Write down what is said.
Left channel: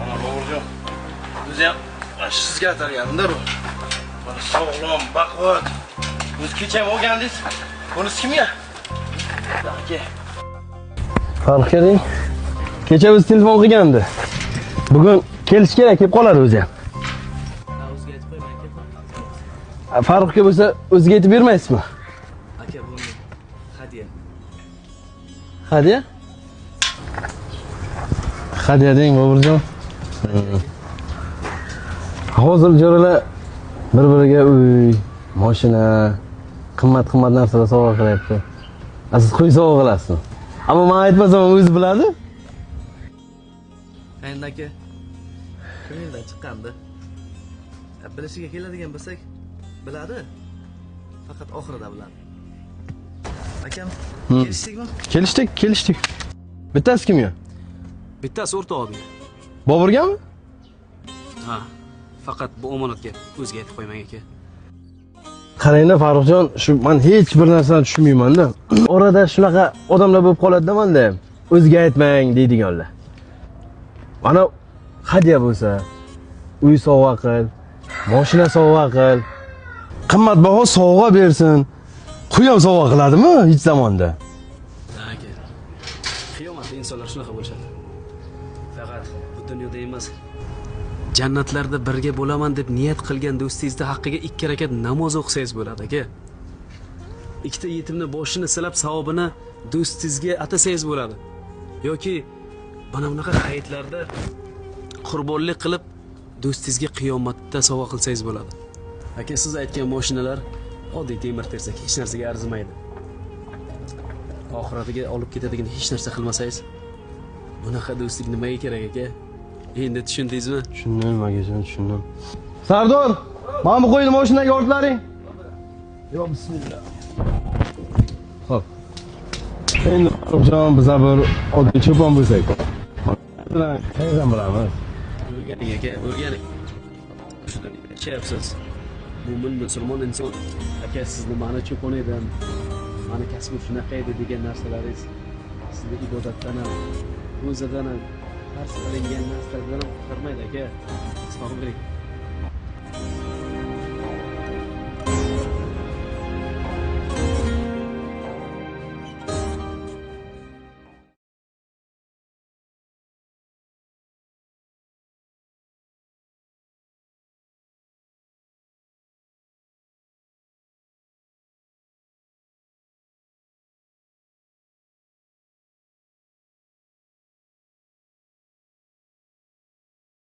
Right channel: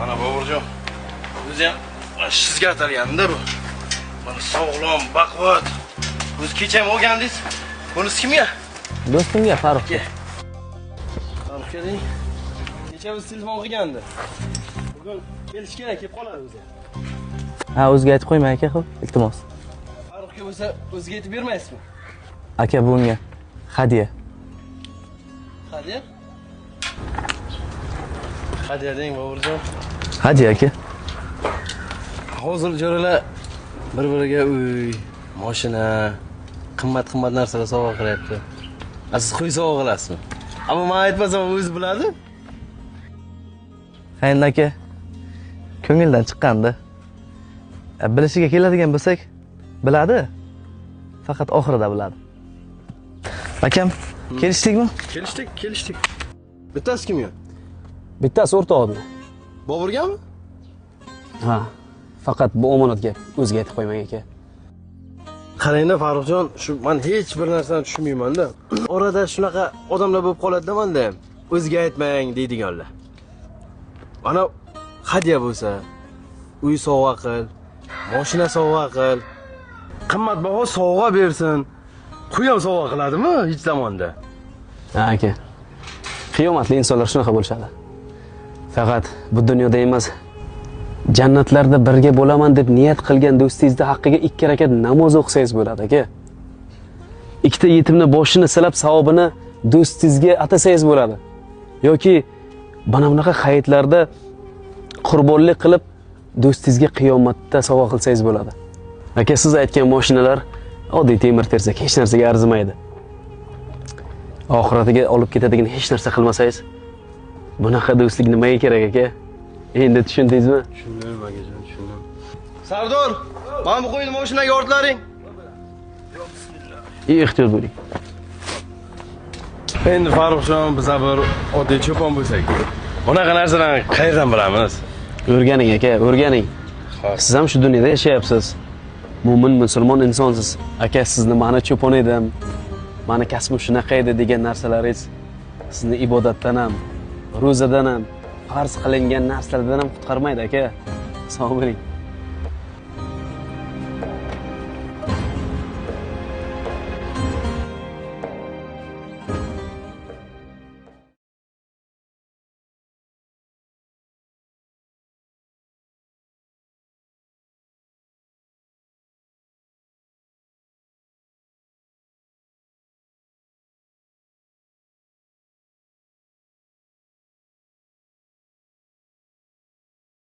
Mana Boburjon. O'zi ham sizga atalganda bu. Mana sog'lom, baquvvat. O'zi kecha ham olgandingiz. Bunisi kimga? Do'stimga, Farruxga. Farruxga deng. Kecha biz telefon qilgandi. Bugun kelish kerak deb qoladi o'zi ham. Ha, o'ziga aytib qo'ymang aka, xo'p, iltimos. Farruxga bo'lsa o'ziga aytib bermaysizmi? Aka, bu unga hadya. Hadya? Hadya deng Boburjon. Hadya aka. Hozir jo'ralar bir-biriga uy, mashina, qimmat-qimmat narsalar sovg'a qilyapti. Siz qo'y sovg'a qilasizmi? Ammo men aytmasam o'zi biladi. Endi aka, ko'ngildan chiqqanda. Bilishiga keladigan bo'lsak, biladi. Faqat oxirida biladi. Akam, kelishdikmi? Kelishdik. Bittasi kim yo? Bittasi o'rtog'im. Boburgami? Ha. Faqat bu omonat gap. O'ziga aytib qo'ymang aka. Qarangda Farruxjon, shu men hech bir narsani tushunmayman-da. Orada shunaqa odamlar bo'lib qoladi-da menda ham. O'ziga aytmang deydiganlar. Mana hadya bo'lsa, uy sovg'a qil, mashina sovg'a qil, qimmatbaho sovg'a bersin. Qo'y ham sovg'a qiladimi hech zamonda? Ha aka. Qiyomatli insonlar shunaqa bo'lishadi. Faqat bu dunyoda emas, jannatlarda birga bo'laman deb niyat qilgan do'stingizning haqqiga 2 rakat namoz o'qisangiz bo'ladi aka. Ikkita yetimni boshini silab savobini do'stingizga atasangiz bo'ladi. Yoki mana bunaqa hayitlarda qurbonlik qilib do'stingizga qiyomatda sovg'a qilsangiz bo'ladi. Aka, siz aytgan mashinalar oddiy temir tersak hech narsaga arzimaydi. Oxiratiga olib ketadigan hech narsa qilmasangiz, bunaqa do'stlik nimaga kerak aka? Endi tushundingizmi? Tushundim, akajon, tushundim. Sardor, mana bu qo'yni mashinaga ortlaring. Yo, bismillah. Ehtiyot bo'ling. Xo'p. Endi Farruxjon, biz bir oddiy cho'pon bo'lsak, bunaqa narsalarni qayerdan bilamiz? O'rganing aka, o'rganing. Siz ham shu dunyoda yashayapsiz. Mo'min, musulmon insonsiz. Aka, sizni mani cho'pon edim, mani kasbim shunaqa edi degan narsalaringiz sizni ibodatdan ham, ro'zadan ham, farz qilingan narsalardan ham qutqarmaydi aka. Sog' bo'ling.